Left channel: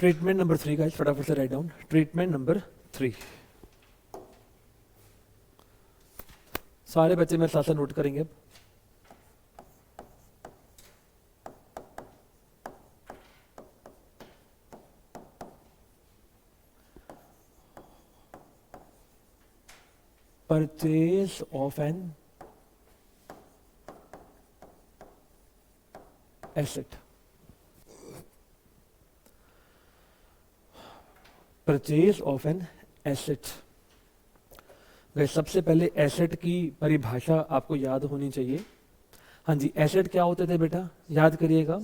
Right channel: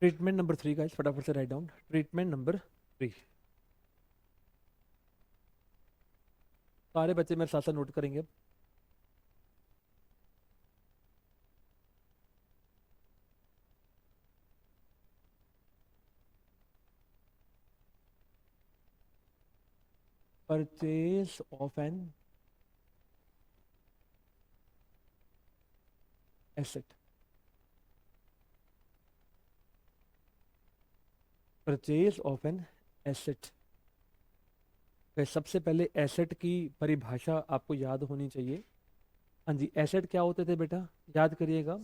Treatment number 3 guys, फटाफट से write down. Treatment number 3, सारे बच्चे मेरे साथ साथ नोट करेंगे। Purchase of an asset. Purchase of an asset. सबसे पहले एसेट की परिभाषा आपको याद होनी चाहिए। हाँ जी, एसेट क्या होते थे बेटा, याद करिएगा।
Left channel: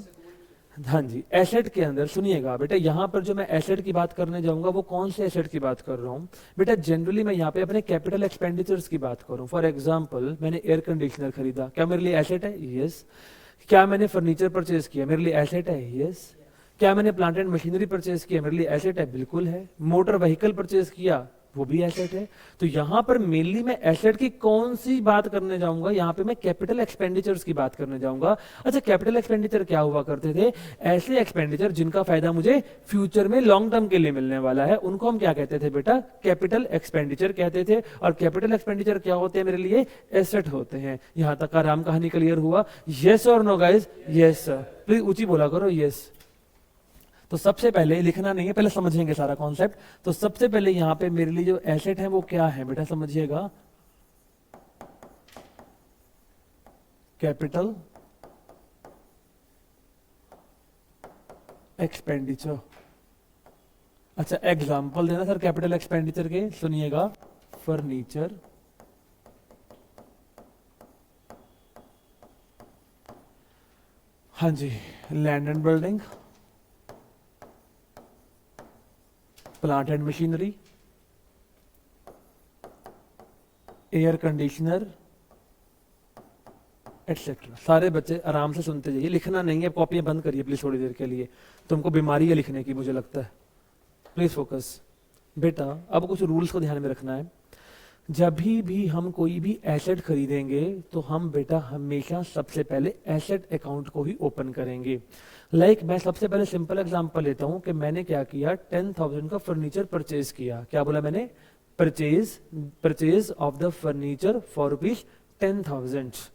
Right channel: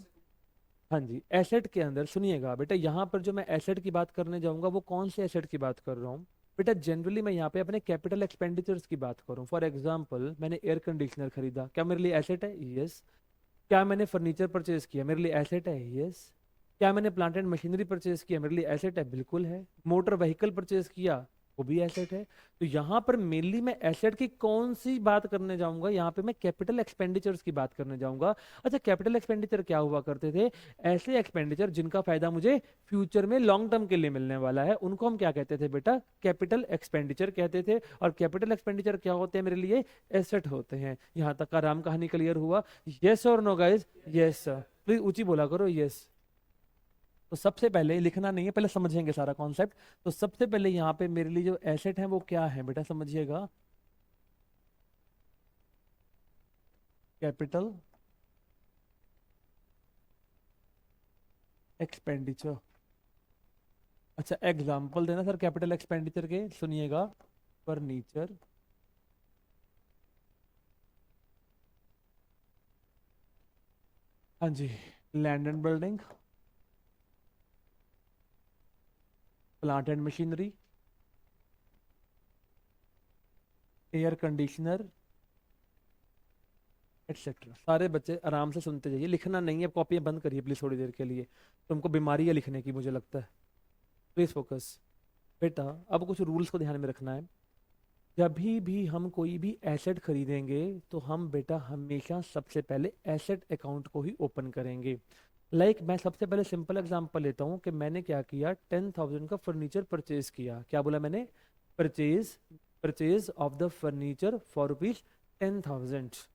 हाँ जी, एसेट के अंदर सुनिएगा बेटा, यहाँ पर जो मैं एसेट की बात करने जाऊंगा वो कौन से एसेट की बात कर रहा हूँ बेटा, जनरली मैं यहाँ पे अपने कैपिटल एक्सपेंडिचर्स की बात करूँ। फॉर एग्जांपल, मैंने एयर कंडीशनर खरीदा, क्या मेरे लिए एसेट है? यस। क्या मैंने फर्नीचर परचेज किया, मेरे लिए एसेट है? यस। क्या मैंने प्लांट एंड मशीनरी परचेज किया, मेरे लिए एसेट है? बिल्कुल है। मोटर व्हीकल परचेज किया, वो भी एसेट है। तो यहाँ पर मेनली मैं एसेट की कौन सी बात करने जाऊंगा, यहाँ पे मैं कैपिटल एक्सपेंडिचर्स की बात करने जाऊंगा। अच्छा, कैपिटल एक्सपेंडिचर क्या हुआ करते थे? ऐसे एक्सपेंडिचर जिनका फायदा मुझे फ्यूचर में लॉन्ग टर्म के लिए मिलने वाला है, उनको हम क्या कहते थे बेटा? कैपिटल एक्सपेंडिचर कहते थे। और कैपिटल एक्सपेंडिचर क्या होते हैं मेरे लिए? एसेट होते हैं। यहाँ तक का राम कहानी क्लियर हुआ? यस और no guys? Yes sir. Please ऊंची बोला करो यस। तो सबसे पहले लिखना नहीं है, पहले समझेंगे सारा कॉन्सेप्ट। तो सबसे पहले यहाँ पे मेरे लिए जो एसेट है वो क्या है बेटा, समझिएगा। Capital expenditure. अच्छा, एग्जांपल देना सर कैपिटल एक्सपेंडिचर के, सुनिएगा। फर्नीचर, हाँ जी, land and building, plant and machinery, air conditioner, etcetera. सारे बच्चे आराम से सुनते जाइए, लिखना नहीं है, कॉपियां बंद करिए प्लीज थोड़ी देर के लिए, तुमको बीमारी है लिखने की मुझे लगता है। प्लीज फोकस बेटा। अब कुछ रूल्स को ध्यान में रखना है। जब भी हम कोई भी एसेट खरीदेंगे तो हम बेटा हमेशा सबसे पहले एसेट अकाउंट को ही ओपन करेंगे। मैं सबसे पहले सिंपल एग्जांपल लेता हूं कि मैंने क्या किया, 10,000 का फर्नीचर परचेज किया। क्या बोला मैंने? Purchase of the furniture for rupees 10,000।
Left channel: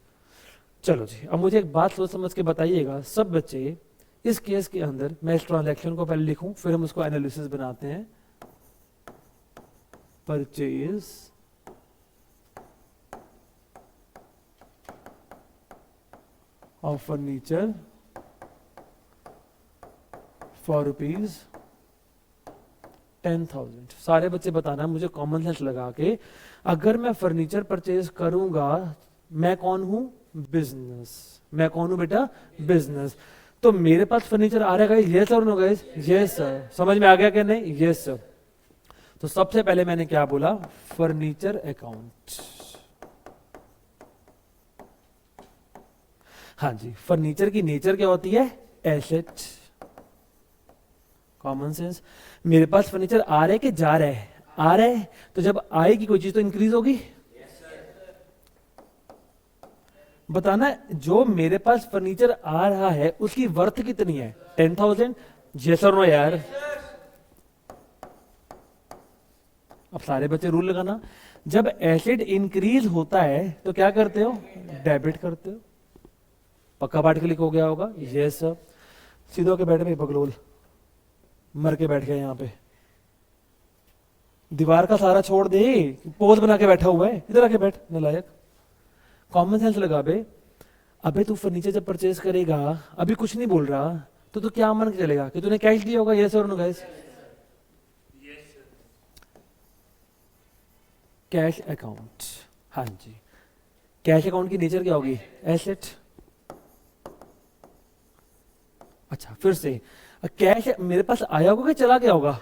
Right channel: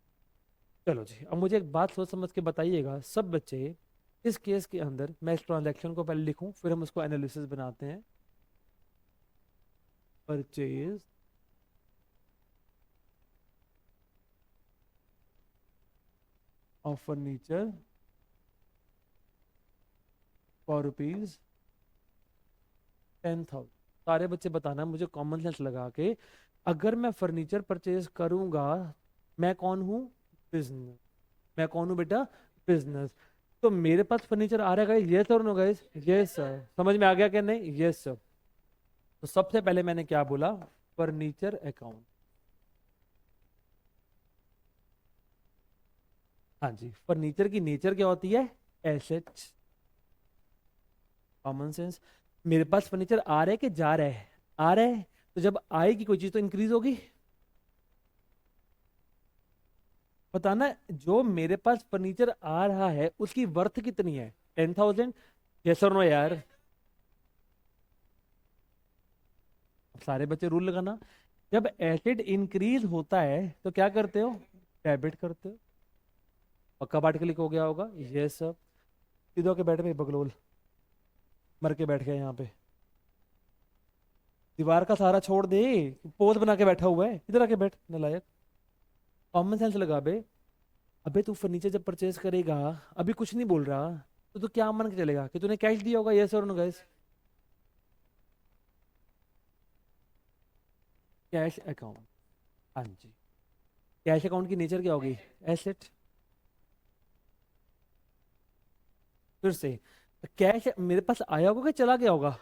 चलो जी, अब मुझे एक बात सोच समझ के बताइएगा सब बच्चे। इस केस के अंदर मैं इस ट्रांजैक्शन को पहले लिखूं, फिर हम उसको एनालिसिस बनाते हैं। Purchase of furniture for rupees 10,000। सारे बच्चे बताना मुझे कॉमन सेंस लगा के, अगर मैं फर्नीचर परचेज करूंगा, मैं कौन हूं? बिजनेस। मैं कौन हूं बेटा? बिजनेस। तो मेरे पास फर्नीचर आ रहा है, यस और नो गाइस? Yes sir. समझ में आ गया क्या नहीं? Yes sir. तो सबसे पहले मैंने क्या बोला? Furniture account. हाँ जी, फर्नीचर की नेचर क्या होती है? एसेट। Common sense. मेरे पास फर्नीचर आ रहा है कि जा रहा है? आ रहा है। तो जब आएगी कोई चीज तो इंक्रीज होगी। बताना, जो मेरे पास फर्नीचर आ रहा है उसकी वर्थ कितनी है? 10,000। यस और नो यार? अब सारे बच्चे रूल लगाना। जब एसेट इंक्रीज होता है तो क्या करते हो? डेबिट करते हो। पक्का पाठ क्लिक हो गया होगा? Yes sir. सीधे होके बैठे भाई बगलोल, मर के बैठ गया यहाँ पे। दीवार का सारा छोड़ दे, पोज बना के बैठा हुआ है, इधर आके बैठ नलायक। कॉमन सेंस लगा बे। अबे तू फर्नीचर जब परचेज करेगा, अभी कुछ नहीं बोल रहा, तो तू क्या मान के चलेगा कि तूने कैश दिया होगा? यस और नो गाइस? Cash account. हाँ जी, कैश अकाउंट की नेचर क्या होगी? एसेट। अच्छा, फिर से, कैश मेरे पास आया होगा कि चला गया होगा?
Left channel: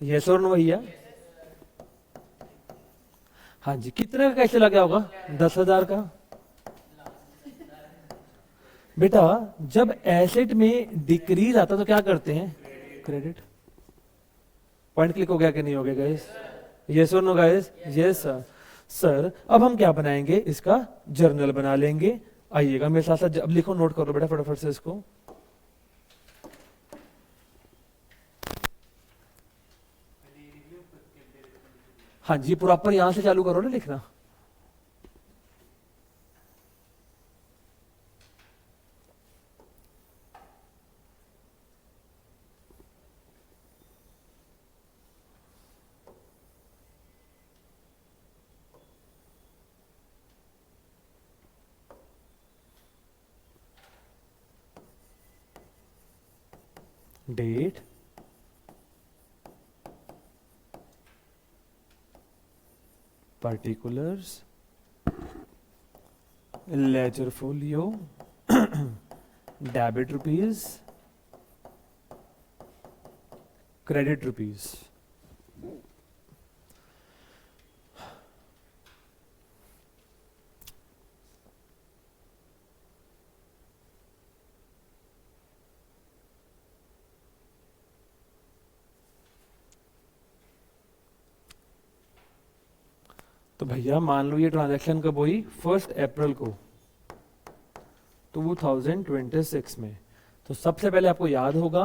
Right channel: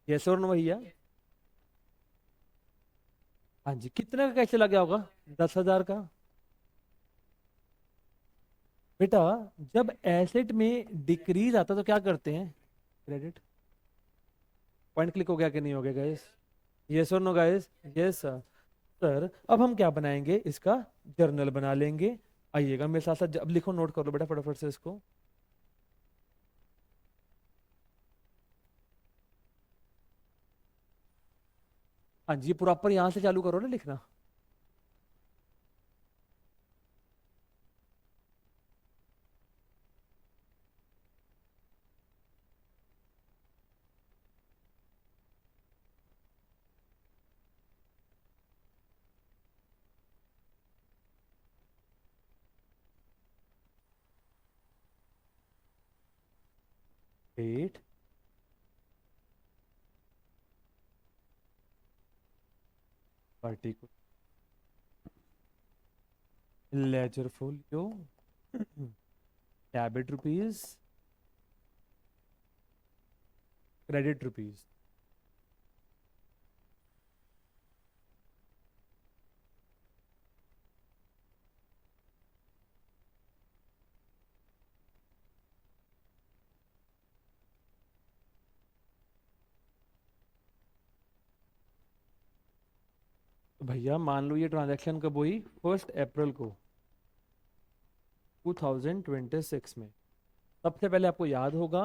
यस और नो भैया? हाँ जी, कितने का कैश चला गया होगा? 10,000 का। बेटा जब एसेट में डिक्रीज आता तो क्या करते हैं? क्रेडिट। पॉइंट क्लिक हो गया कि नहीं हो गया गाइस? यस और no guys? Yes sir. Sir अब हम क्या बनाएंगे? इसका जर्नल बना लेंगे। आइएगा मेरे साथ साथ, अब लिखो, नोट करो बेटा फटाफट से इसको। हाँ जी, प्रॉपर यहां से चालू करो ना लिखना। Date, particulars, ledger folio, debit rupees, credit rupees। तो भैया मान लो ये ट्रांजैक्शन कब हुई, 1 अप्रैल को 2026 में। तो सबसे पहले आपको याद होगा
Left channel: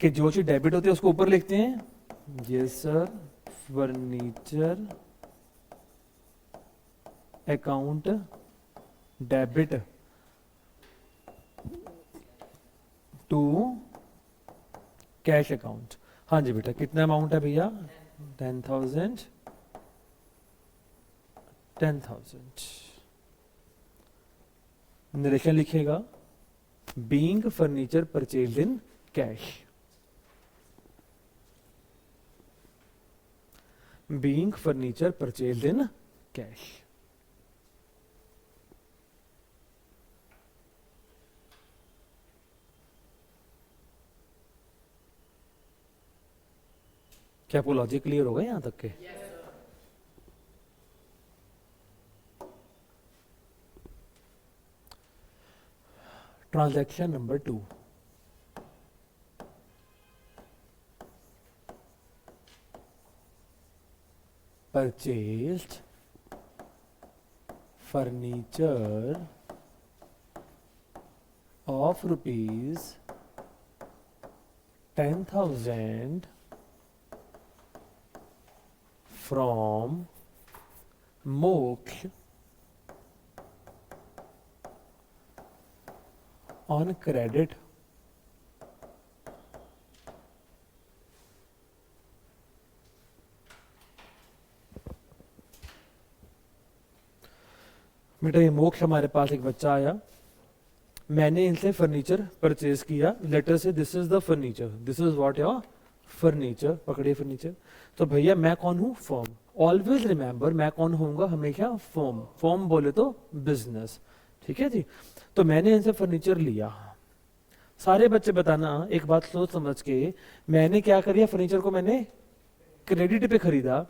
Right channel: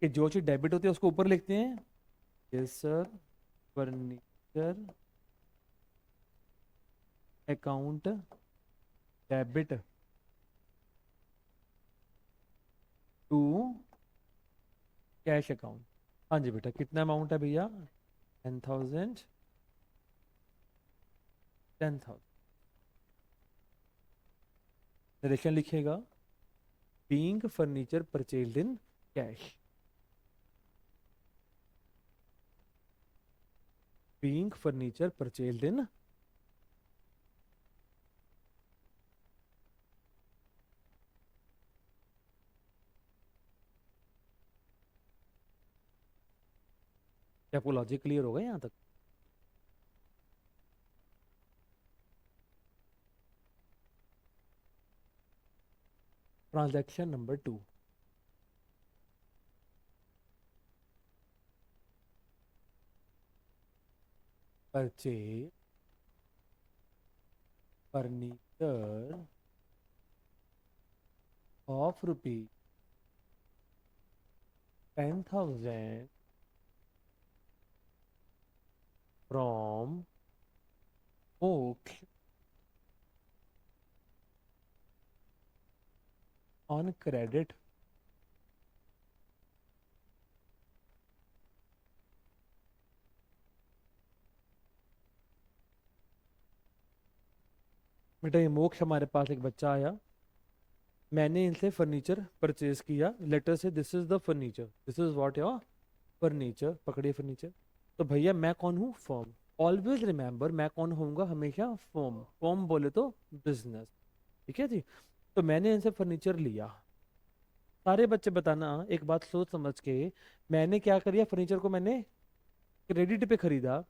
कि जो चीज डेबिट होती है उसको ऊपर लिखते हैं, yes sir, furniture account debit to cash account. हाँ जी बेटा, कितना अमाउंट है भैया, 10,000, 10,000। नरेशन लिखेगा, being furniture purchased in cash, being furniture purchased in cash. क्या आपको लॉजिक क्लियर होगा यहां तक के? Transaction number 2, purchased furniture of rupees 10,000 from Moksh on credit बेटा ये मोक्ष हमारे पास एक बच्चा आया, मैंने इनसे फर्नीचर परचेज किया, लेटर से this is the furniture, this is what your furniture, पकड़िए फर्नीचर। तो भैया मैं कौन हूँ, फर्म। ऑलवेज रिमेंबर मैं कौन होऊंगा, हमेशा फर्म। फर्म बोले तो बिजनेस, ठीक है जी। तो मैंने इनसे फर्नीचर लिया। सारे बच्चे बताना एक बात सोच समझ के, मैंने क्या करिया, फर्नीचर को मैंने क्रेडिट पे खरीदा।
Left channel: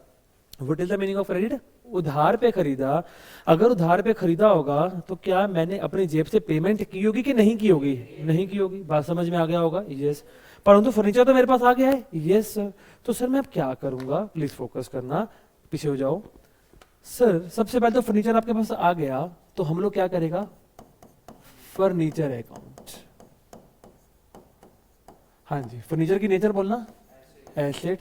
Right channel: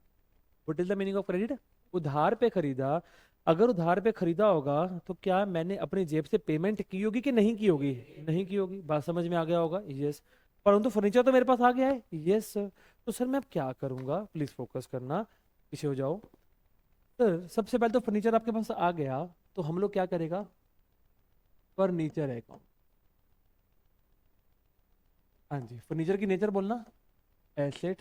What is the meaning of credit, उधार पे खरीदा। अगर उधार पे खरीदा होगा तो क्या मैंने अपनी जेब से पेमेंट की होगी कि नहीं की होगी, नहीं की होगी। बात समझ में आ गया होगा, यस। परंतु फर्नीचर तो मेरे पास आ गया है, यस सर। तो सर मैं अब क्या करूंगा, प्लीज फोकस करना, पीछे हो जाओ। सर सबसे पहले तो फर्नीचर आपके पास आ गया, तो हम लोग क्या करेगा, फर्नीचर अकाउंट। हाँ जी, फर्नीचर की नेचर बोलना, एसेट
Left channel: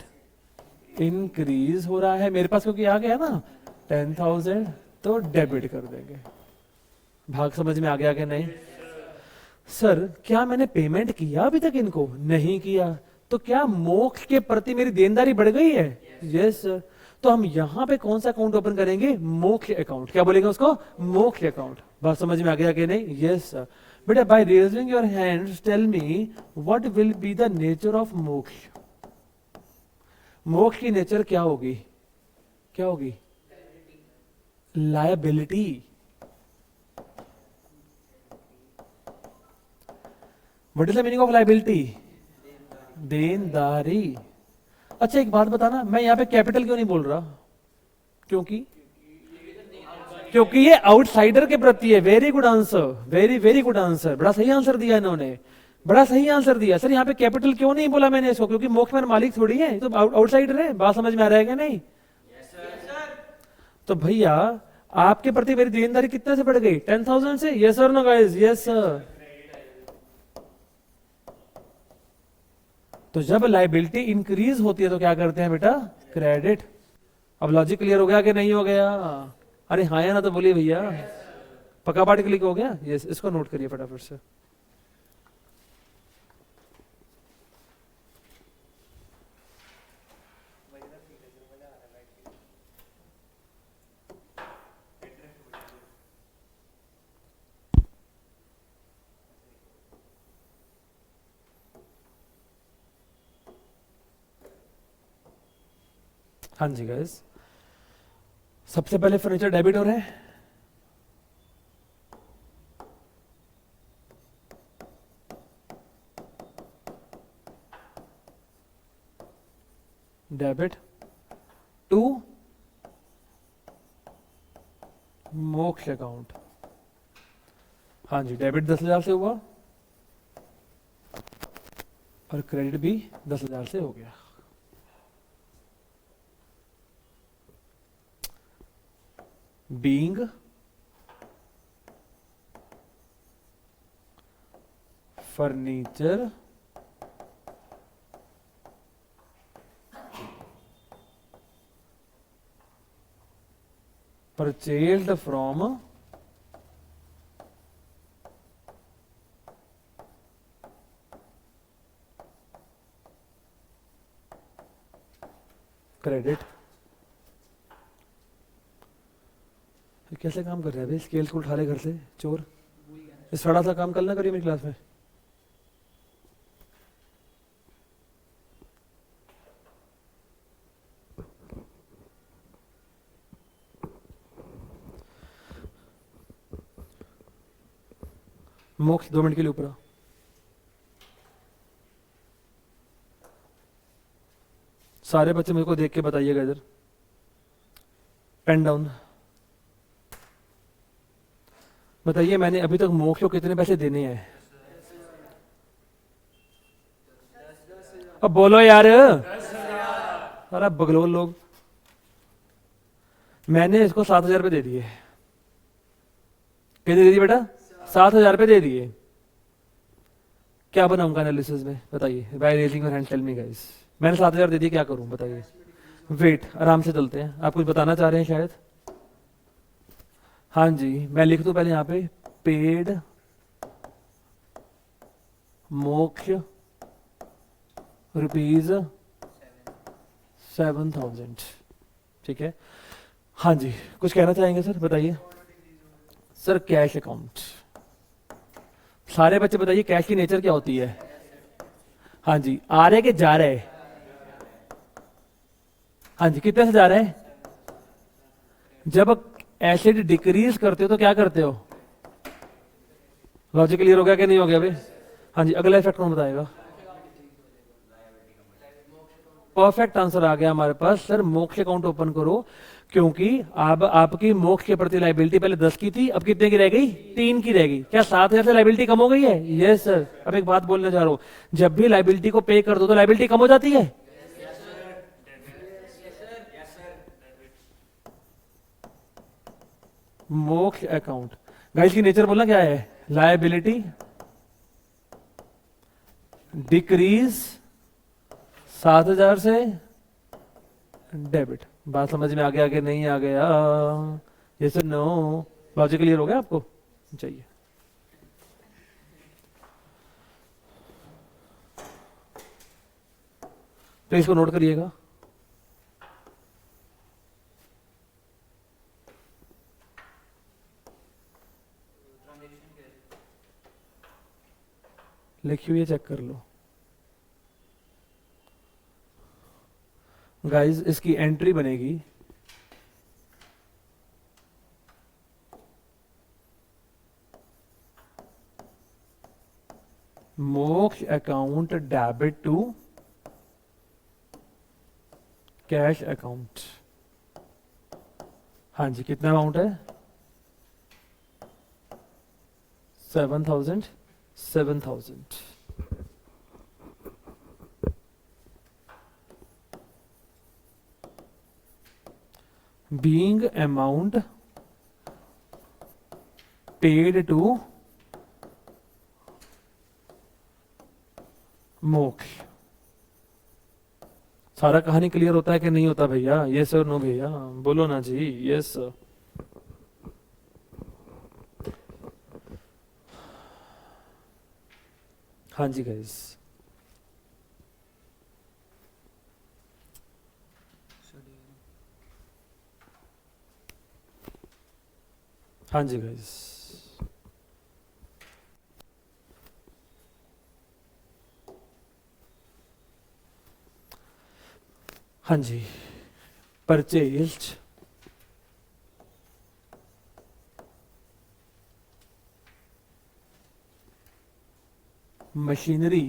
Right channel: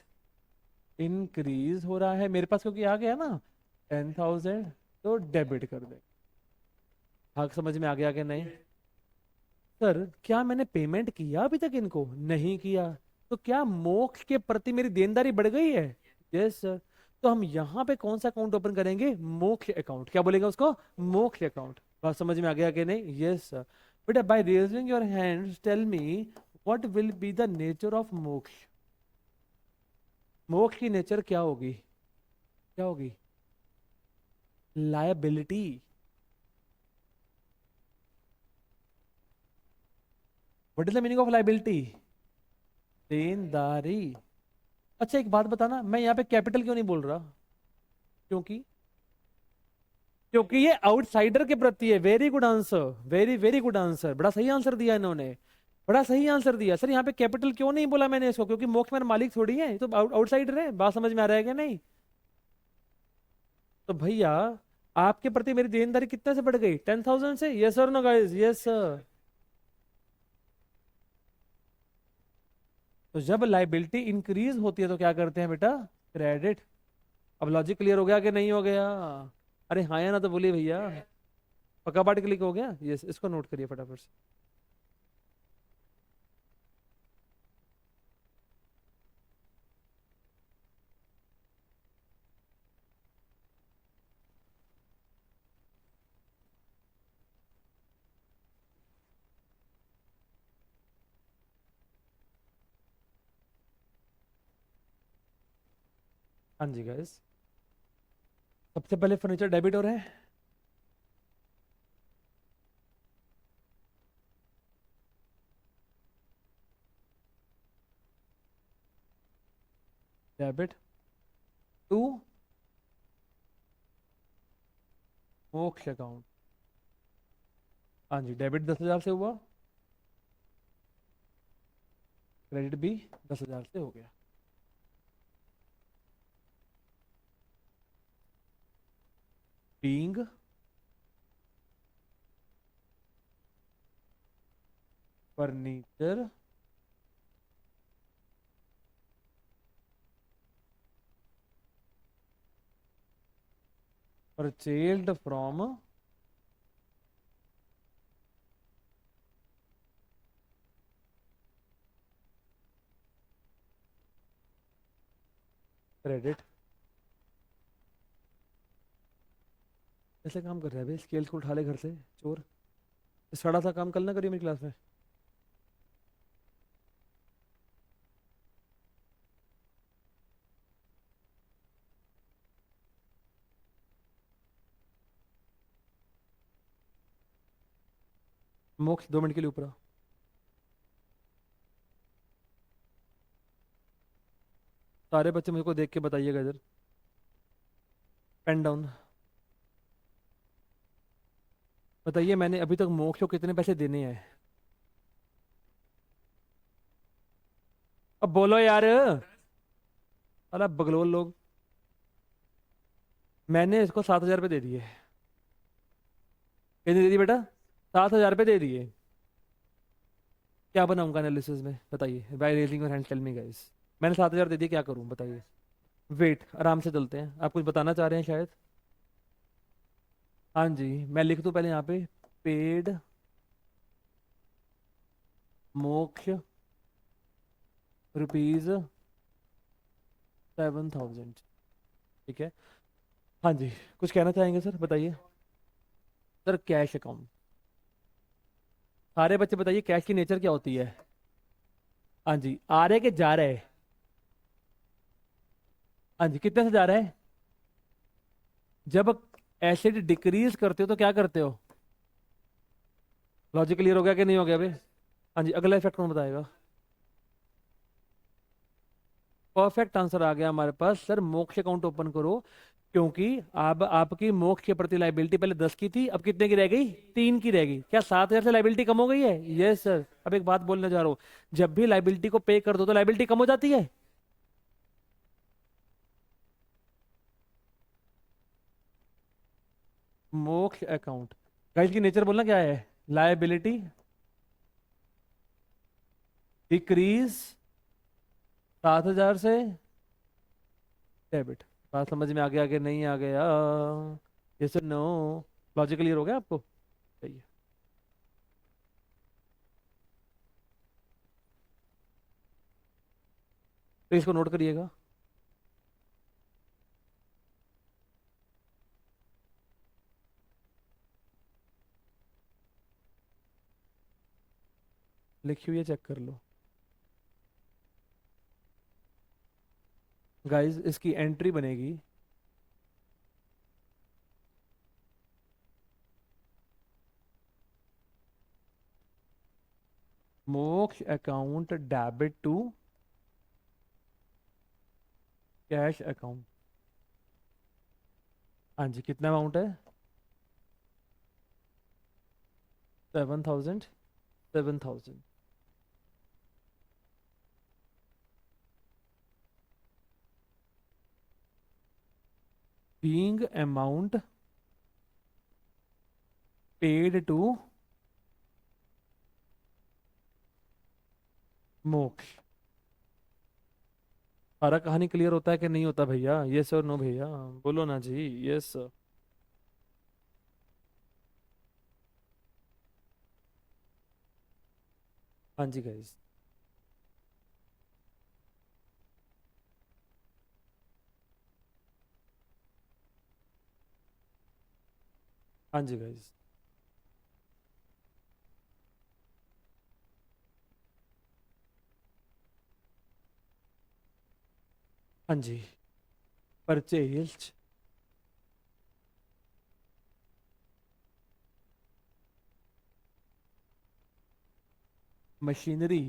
इंक्रीज हो रहा है मेरे पास क्योंकि आ गया ना 10,000, तो डेबिट कर देंगे। भाग समझ में आ गया क्या नहीं? सर क्या मैंने पेमेंट किया अभी तक इनको, नहीं किया, तो क्या मोक्ष के प्रति मेरी देनदारी बढ़ गई है, यस सर। तो हम यहाँ पे कौन सा अकाउंट ओपन करेंगे, मोक्ष अकाउंट। क्या बोलेगा उसको, मोक्ष अकाउंट। बात समझ में आ गया कि नहीं, यस सर। बेटा by raising your hands tell me what will be the nature of Moksh. Moksh की नेचर क्या होगी, क्या होगी, liability. What is the meaning of liability, देनदारी। अच्छा एक बात बताना, मैं यहाँ पे कैपिटल क्यों नहीं बोल रहा, क्योंकि क्योंकि ये आउटसाइडर के प्रति है। Very good answer, very very good answer, बड़ा सही आंसर दिया इन्होंने, बड़ा सही आंसर दिया। सर यहाँ पे कैपिटल क्यों नहीं बोला मैंने इसको, क्योंकि मोक्ष में मालिक थोड़ी है, तो आउटसाइडर है। बात समझ में आ रहा है क्या नहीं? तो भैया आपके प्रति मेरी देनदारी कितने से बढ़ गई, 10,000 से, yes sir no guys, yes sir. तो जब लाइबिलिटी इंक्रीज होती है तो क्या करते हैं बेटा, क्रेडिट। अब लॉजिक क्लियर हो गया कि नहीं हो गया? अरे हाँ या ना तो बोलिए भैया। पक्का पार्ट क्लिक हो गया? यस, इसको नोट करिए फटाफट से। हाँ जी गाइस, सबसे पहले फर्नीचर डेबिटर है। डेबिट टू मोक्ष अकाउंट। हाँ जी, डेबिट 10,000 से हुआ और क्रेडिट भी 10,000 से हो गया। Being furniture purchased from credit. कैसे काम कर रहे हैं भाई? स्केल को उठा रहे घर से चोर। इस सड़ा सा काम कल ना करिए मेरी क्लास में। मोक्ष 2 मिनट के लिए ऊपर आओ। सारे बच्चे मेरे को देख के बताइएगा इधर। Pen down. बताइए मैंने अभी तक मोक्ष को कितने पैसे देने हैं? अब बोलो यार। अरे बगलोल लोग। मैंने इसको 7,000 रुपये दे दिए। कितने दे दिए बेटा? 7,000 रुपये दे दिए। क्या बनाऊंगा एनालिसिस में बताइए? By raising your hand tell me guys. मैंने 7,000 दे दिए, क्या करूं बताइए? वेट, आराम से चलते हैं। आप कुछ बताना चाह रहे हैं शायद? हाँ जी, मैं लिख दूं पहले यहाँ पे पेड मोक्ष रुपीज 7,000। ठीक है। हाँ जी, कुछ कहना चाहेंगे सर? बताइए सर। Cash account. सारे बच्चे बताइए कैश की नेचर क्या होती है? हाँ जी, आ रहे कि जा रहे? हाँ जी, कितने से जा रहे हैं? जब एसिड डिक्रीज करते हो तो क्या करते हो? लॉजिक क्लियर हो गया कि नहीं हो गया भाई? हाँ जी, अगला इफेक्ट कौन बताएगा? परफेक्ट आंसर आ गया हमारे पास सर। मोक्ष अकाउंट ओपन करो, क्योंकि अब आपकी मोक्ष के प्रति लाइबिलिटी पहले 10 की थी, अब कितने की रह गई? 3 की रह गई। क्या 7,000 से लाइबिलिटी कम हो गई है? Yes sir. अब एक बात बोलने जा रहा हूं, जब भी लाइबिलिटी को पे कर दो तो लाइबिलिटी कम हो जाती है। मोक्ष अकाउंट गाइस की नेचर बोलना क्या है? लायबिलिटी डिक्रीज 7,000 से डेबिट। बात समझ में आ गया कि नहीं आ गया? Yes no? लॉजिक क्लियर हो गया आपको? चाहिए तो इसको नोट करिएगा। लिखी हुई है, चेक कर लो गाइस। इसकी एंट्री बनेगी Moksh account debit to cash account. हाँ जी, कितना अमाउंट है? 7,000। 7,000 being amount paid to मोक्ष सारा कहानी क्लियर होता है कि नहीं होता भैया? यस और नो भैया, बोलो ना जी, यस। हाँ जी गाइस। हाँ जी गाइस। हाँ जी। परचेज मशीनरी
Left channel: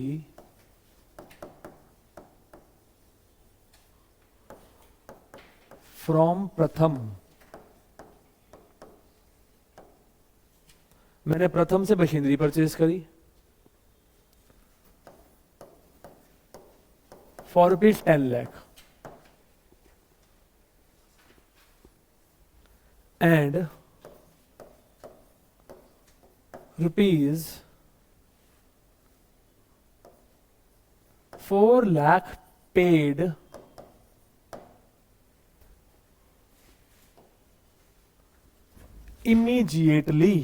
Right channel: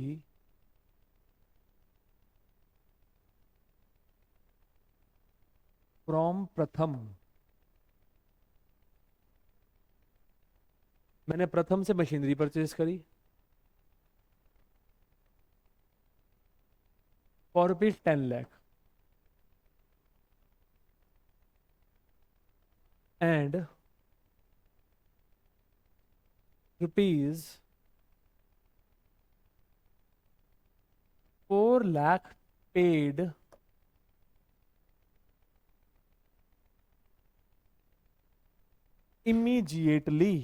फ्रॉम प्रथम। मैंने प्रथम से मशीनरी परचेज करी for rupees 10 lakh and rupees 4 lakh paid immediately।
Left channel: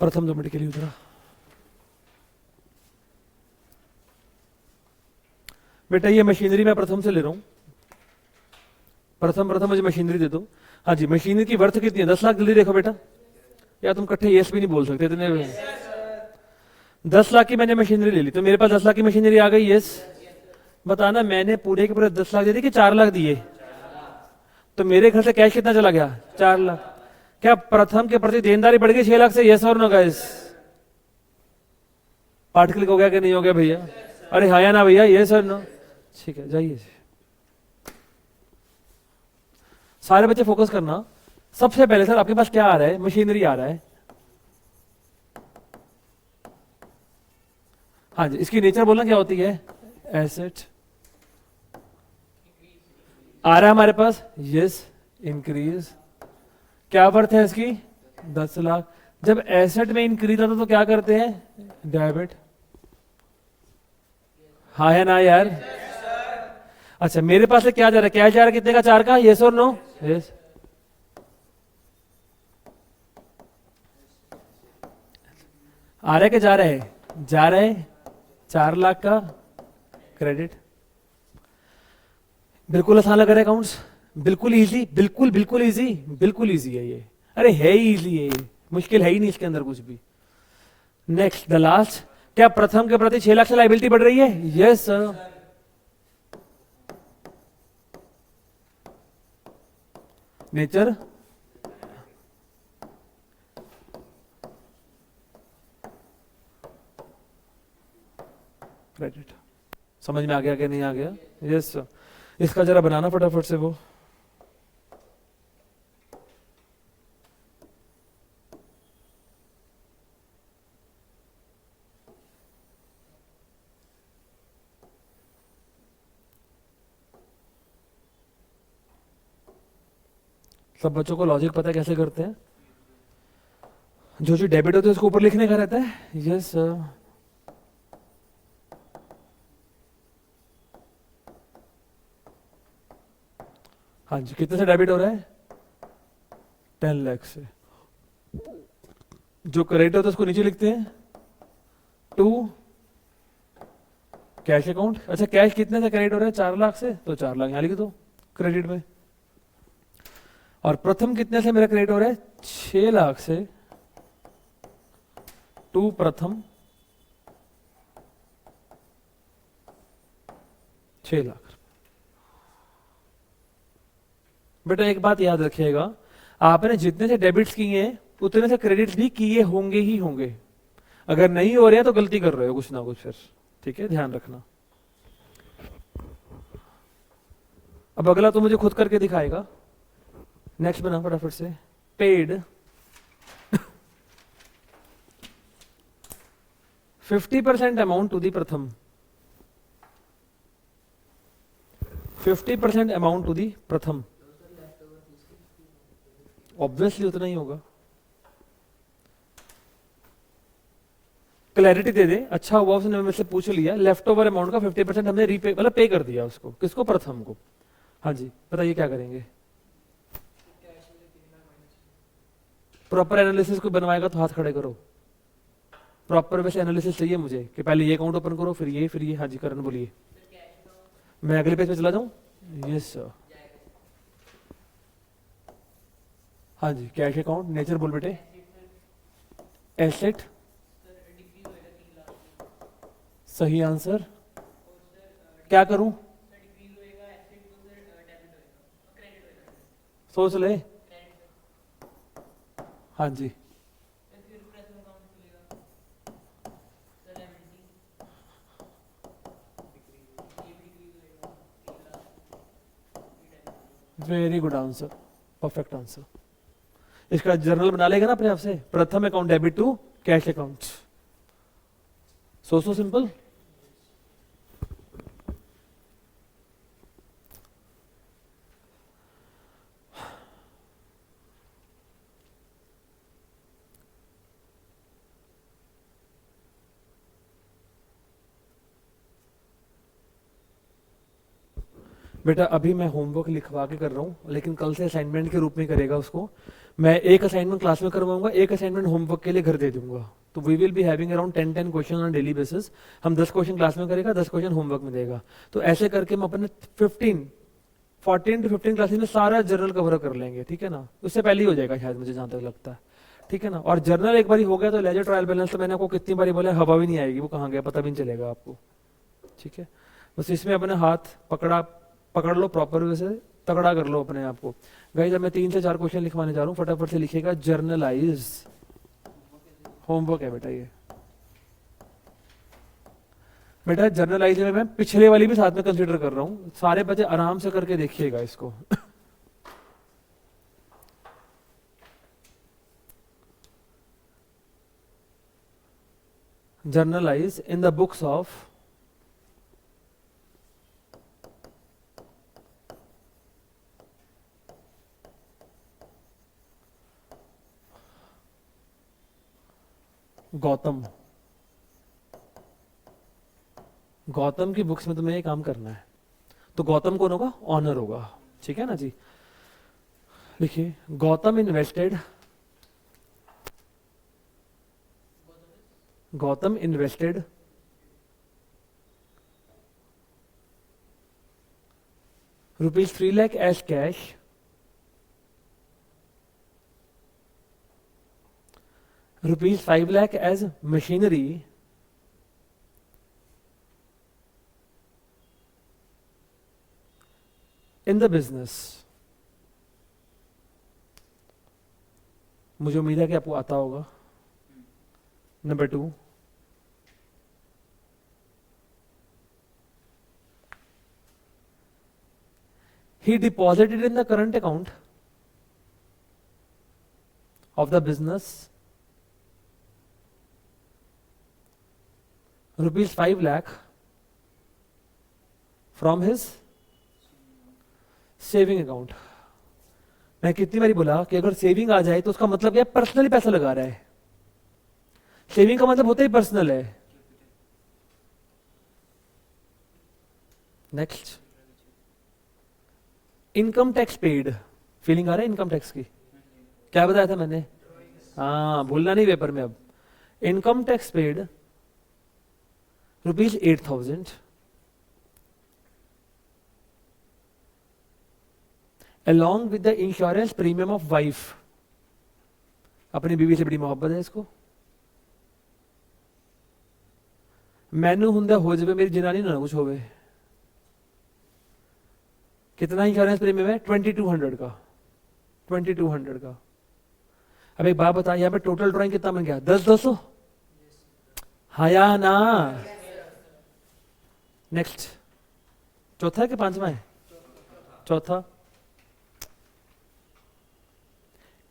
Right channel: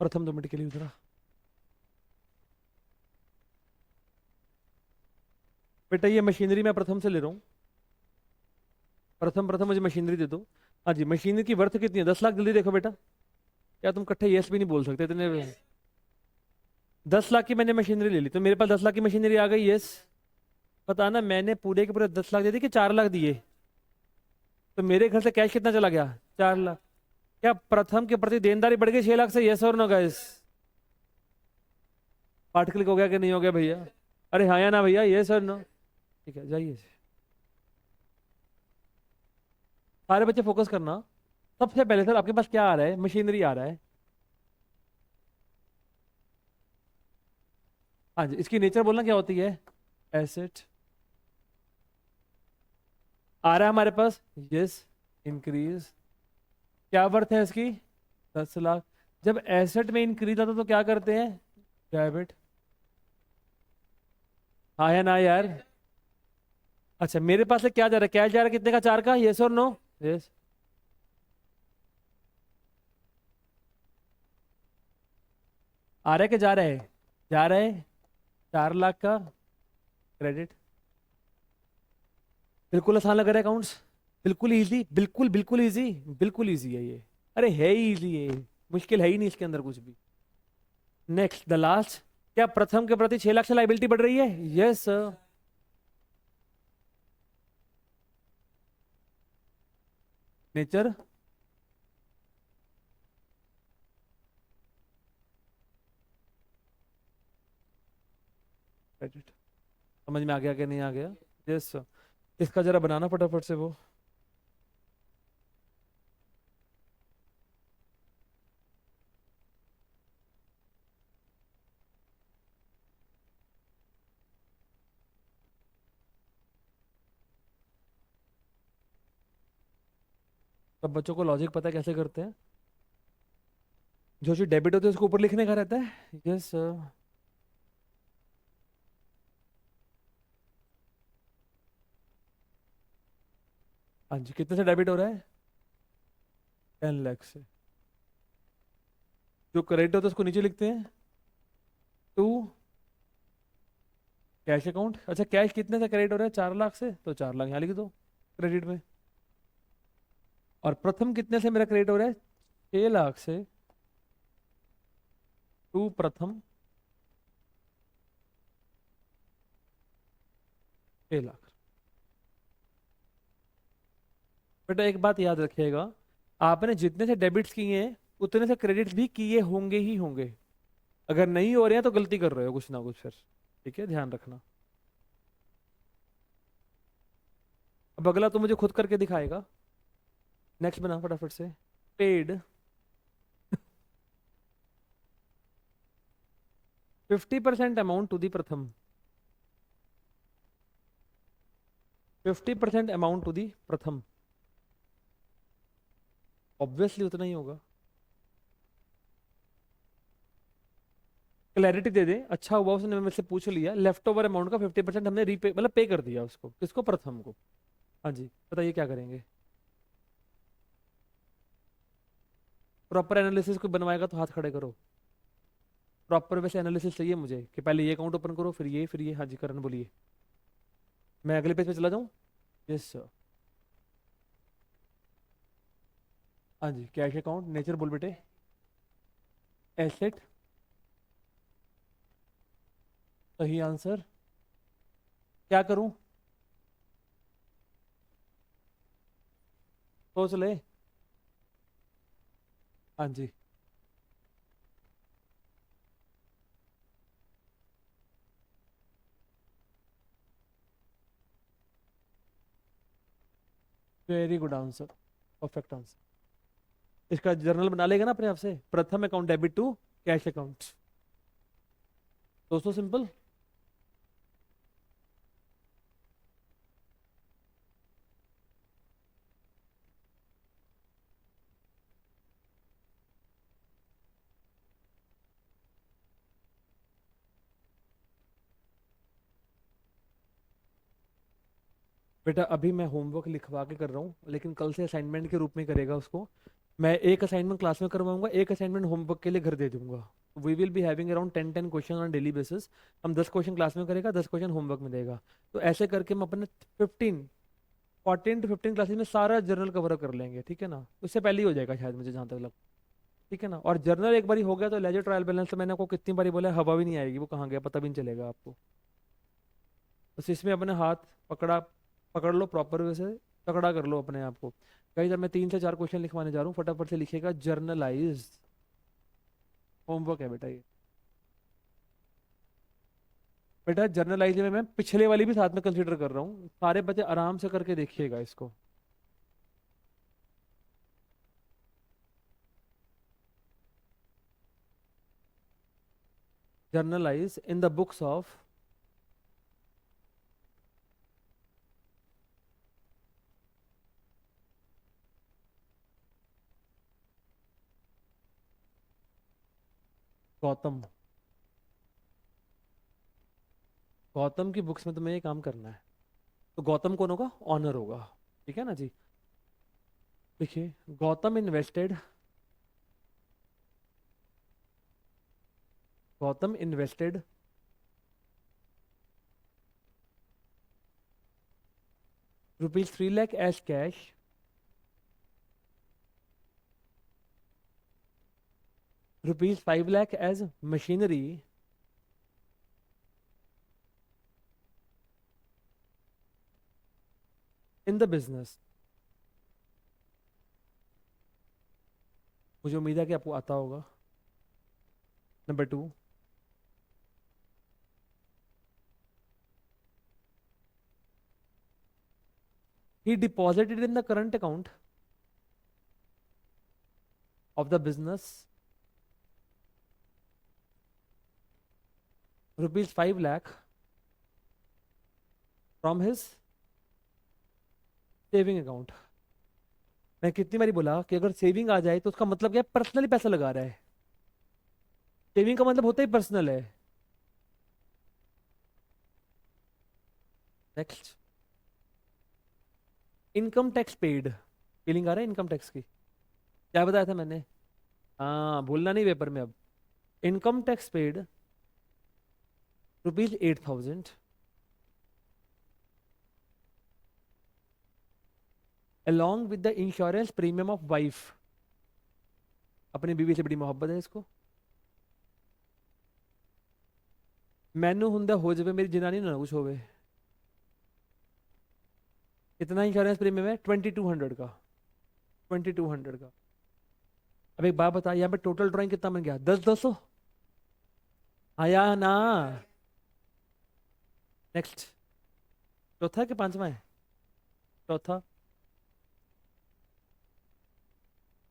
प्रथम 2 मिनट के लिए उतरा। बेटा ये मशीनरी मैं प्रथम से ले रहा हूं। प्रथम मुझे मशीनरी दे दो। हाँ जी, मशीनरी की वर्थ कितनी है? 10 लाख। जल्दी देखो बेटा, या तुम कट्ठे यस भी नहीं बोल सकते इतने। 10 लाख की मैंने मशीनरी ले ली, तो मेरे पास 10 लाख की मशीनरी आ गई। यस। बताना, मैंने पूरे के पूरे 10 लाख दे दिए कि 4 लाख दिए? तो मेरे घर से कैश कितना चला गया? 4 लाख। क्या प्रथम के प्रति देनदारी बढ़ गई 6 लाख से? यस और नो गाइस? पार्ट क्लिक हो गया कि नहीं हो गया भैया? अरे हाँ या ना भैया? यस और नो? ठीक है, जाइए। सारे बच्चे फोकस करना। सबसे पहले सर आपके पास क्या आ रहा है? मशीनरी आ रहा है। हाँ जी, इसकी नेचर बोलना क्या होती है? एसेट। आ रहा है हमारे पास? यस। इंक्रीज। क्या वर्थ है इसकी? 10 लाख। जब एसेट में इंक्रीज आता तो क्या करते हैं? डेबिट। हाँ है ना यार? अच्छा, मेरे पास से क्या जा रहा है? कैश जा रहा है कितने का? 4 का। यस और नो? यस। आ रहा है कि जा रहा है? जा रहा है। 4 लाख का क्रेडिट। बिल्कुल आसान लग रहा है अकाउंट्स? बिल्कुल इजी, बिल्कुल बिल्कुल इजी, बिल्कुल इजी है ये। अरे है ही इजी है ये, मुश्किल है ही नहीं इसके अंदर कुछ भी। Next the last. क्या प्रथम के प्रति 6 लाख से लाइबिलिटी बढ़ रही है? Yes sir. नेचर। क्रेडिट। समझ में आ गया कि नहीं आ गया? Yes sir. इसका जरा बनाना फटाफट से वो। सब बच्चों को लॉजिक पता है कैसे करते हैं? जो जो डेबिट होता है उसको ऊपर लिखने का रहता है। Yes sir. हाँ जी, कितने से डेबिट हो रहा है? 10 लाख से। जो क्रेडिट होता है उसको नीचे लिखते हैं, टू कैश अकाउंट। अच्छा, कैश कितने से क्रेडिट हो रहा है? 4 लाख से, तो 4 लाख यहाँ लिख दो क्रेडिट में। और प्रथम कितने से मेरा क्रेडिट हो रहा है? 6 लाख से, टू प्रथम 6 लाख। बेटा एक बात याद रखिएगा, आपने जितने से डेबिट्स किए हैं उतने से क्रेडिट भी किए होंगे ही होंगे। अगर नहीं हो रहे हैं तो गलती कर रहे हो कुछ ना कुछ फिर। ठीक है, ध्यान रखना। अब अगला तो मुझे खुद करके दिखाएगा। नेक्स्ट बना फटाफट से। पेड 50% अमाउंट टू दी प्रथम। 50% अमाउंट टू दी प्रथम। ऑब्वियसली उतना ही होगा। क्लैरिटी दे दे, अच्छा हुआ उसने मेरे से पूछ लिया, लेफ्ट ओवर अमाउंट का 50% हमने रीपे मतलब पे कर दिया उसको, किसको, प्रथम को। हाँ जी बताइए क्या करेंगे। प्रॉपर एनालिसिस को बनवाएगा तो हाथ खड़े करो। प्रॉपर वैसे एनालिसिस चाहिए मुझे कि पहले ये अकाउंट ओपन करो, फिर ये। हाँ जी करण बोलिए। मैं अगले पेज पे चला जाऊं। Yes sir. हाँ जी कैश अकाउंट, नेचर बोल बेटे। एसेट, सही आंसर। क्या करूं, सोच ले। हाँ जी very good answer, perfect answer. इसका जर्नल बना लेगा ना अपने आप से, प्रथम account debit to cash account. So simple. बेटा अभी मैं होमवर्क लिखवा के कर रहा हूँ, लेकिन कल से असाइनमेंट के रूप में करेगा उसको। मैं एक असाइनमेंट क्लास में करवाऊंगा, एक असाइनमेंट होमवर्क के लिए घर दे दूंगा। तो we will be having around 10 question on daily basis. हम 10 क्वेश्चन क्लास में करेगा, 10 क्वेश्चन होमवर्क में देगा। तो ऐसे करके हम अपने 14 to 15 क्लासेस में सारा जर्नल कवर कर लेंगे, ठीक है ना। उससे पहले ही हो जाएगा शायद, मुझे जहां तक लगता है। ठीक है ना। और जर्नल एक बार हो गया तो लेजर ट्रायल बैलेंस तो मैंने आपको कितनी बारी बोला, हवा भी नहीं आएगी, वो कहाँ गया पता भी नहीं चलेगा आपको। ठीक है। बस इसमें अपने हाथ पकड़ा, पकड़ लो प्रॉपर वे से, तगड़ा कर लो अपने आप को। गाइस जब मैं 3 से 4 क्वेश्चन लिखवाने जा रहा हूँ, फटाफट से लिखिएगा। जर्नलाइज, होमवर्क है बेटा ये। बेटा जर्नलाइज में मैं पिछले वाली भी साथ में कंसीडर कर रहा हूँ, सारे बच्चे आराम से करके देखिएगा इसको। Generalized in the books of Gautam. Gautam की बुक्स में तुम्हें ये काम करना है। तो गौतम कौन होगा, ऑनर होगा। ठीक है ना जी। देखिए Gautam invested, Gautam invested ₹3 lakh as cash ₹5 lakh as machinery in the business। मुझे उम्मीद है कि आपको आता होगा। Number 2, he deposited in the current account of the business ₹5 lakh from his saving account. मैं कितनी बारी बोला कि अगर सेविंग आ जाए तो उसका मतलब क्या, पर्सनली पैसा लगा रहा है। सेविंग का मतलब होता ही पर्सनल है। Next, income tax paid. Feeling आ रहा है इनकम टैक्स की, क्या बताया था मैंने। हाँ बोलना नहीं पेपर में अब। Income tax paid ₹8,000 along with the insurance premium of wife। अपनी बीवी से बड़ी मोहब्बत है इसको। मैनू हुंदा हो जावे मेरी जनानी ना कुछ होवे। कितना इंश्योरेंस प्रीमियम है, 2200 का। 2200 का। अब एक बात बता, यहाँ पे टोटल ड्राइंग कितना बन गया, 10-200। हाँ या ना। नेक्स्ट, चौथा है कि पांचवा है, चौथा।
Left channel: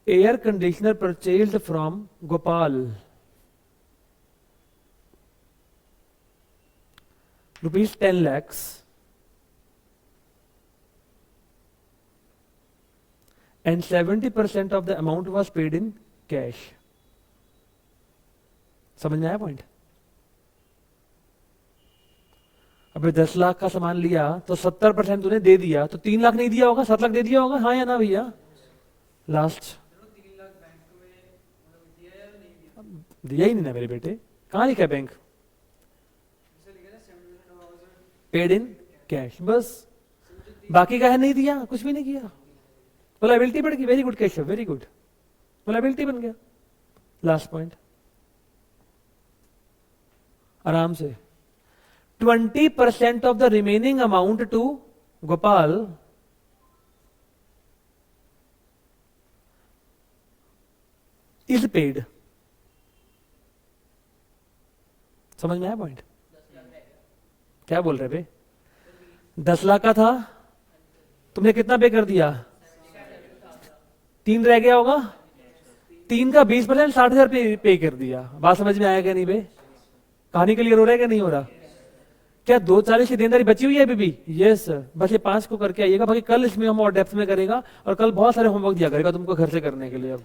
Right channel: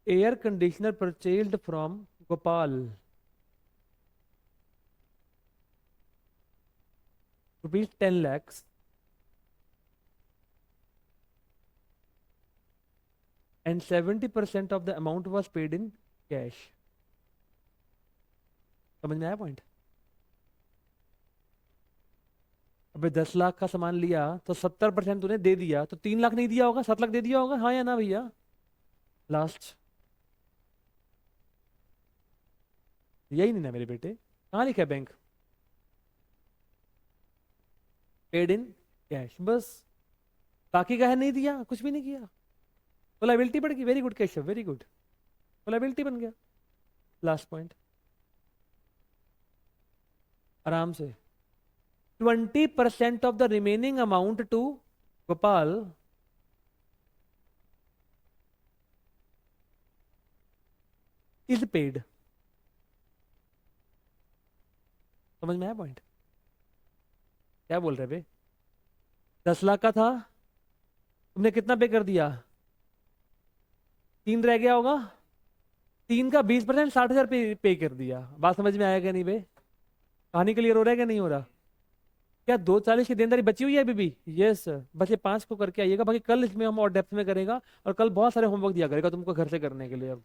Air conditioner purchased from Gopal ₹10 lakhs and 70% of the amount was paid in cash. समझ में आया पॉइंट? अबे 10 लाख का सामान लिया तो 70% तूने दे दिया, तो 3 लाख नहीं दिया होगा, 7 लाख दे दिया होगा, हाँ या ना भैया? लास्ट दिया ही नहीं ना मेरे बेटे, कहाँ लिखा है बैंक? पेड इन कैश, बस। बाकी का है नहीं दिया, कुछ भी नहीं किया, तो लायबिलिटी बढ़ गई। Very good Keshav, very good, तो लायबिलिटी बन गया। लास्ट पॉइंट, आराम से। 20% of the remaining amount to Gopal is paid. समझ में आया पॉइंट? क्या बोल रहे बे? 10 लाख का था, तुमने कितना पे कर दिया? 3 रह गया होगा, 3 का 20% 60,000 पे कर दिया। बात समझ में आया क्या नहीं बे? कहानी क्लियर हो रहा है क्या नहीं हो रहा? क्या 240 की देनदारी बची हुई है अभी भी? यस, बस ये 5 को करके आइएगा, बाकी कल इसमें हम और डेप्थ में करेगा, और कल बहुत सारे होमवर्क दिया करेगा तुमको घर से करने के लिए। अब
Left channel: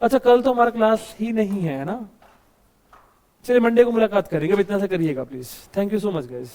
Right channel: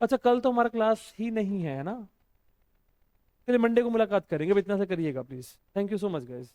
अच्छा, कल तो हमारा क्लास ही नहीं है ना, चलिए मंडे को मुलाकात करेंगे, अब इतना से करिएगा please. Thank you so much guys.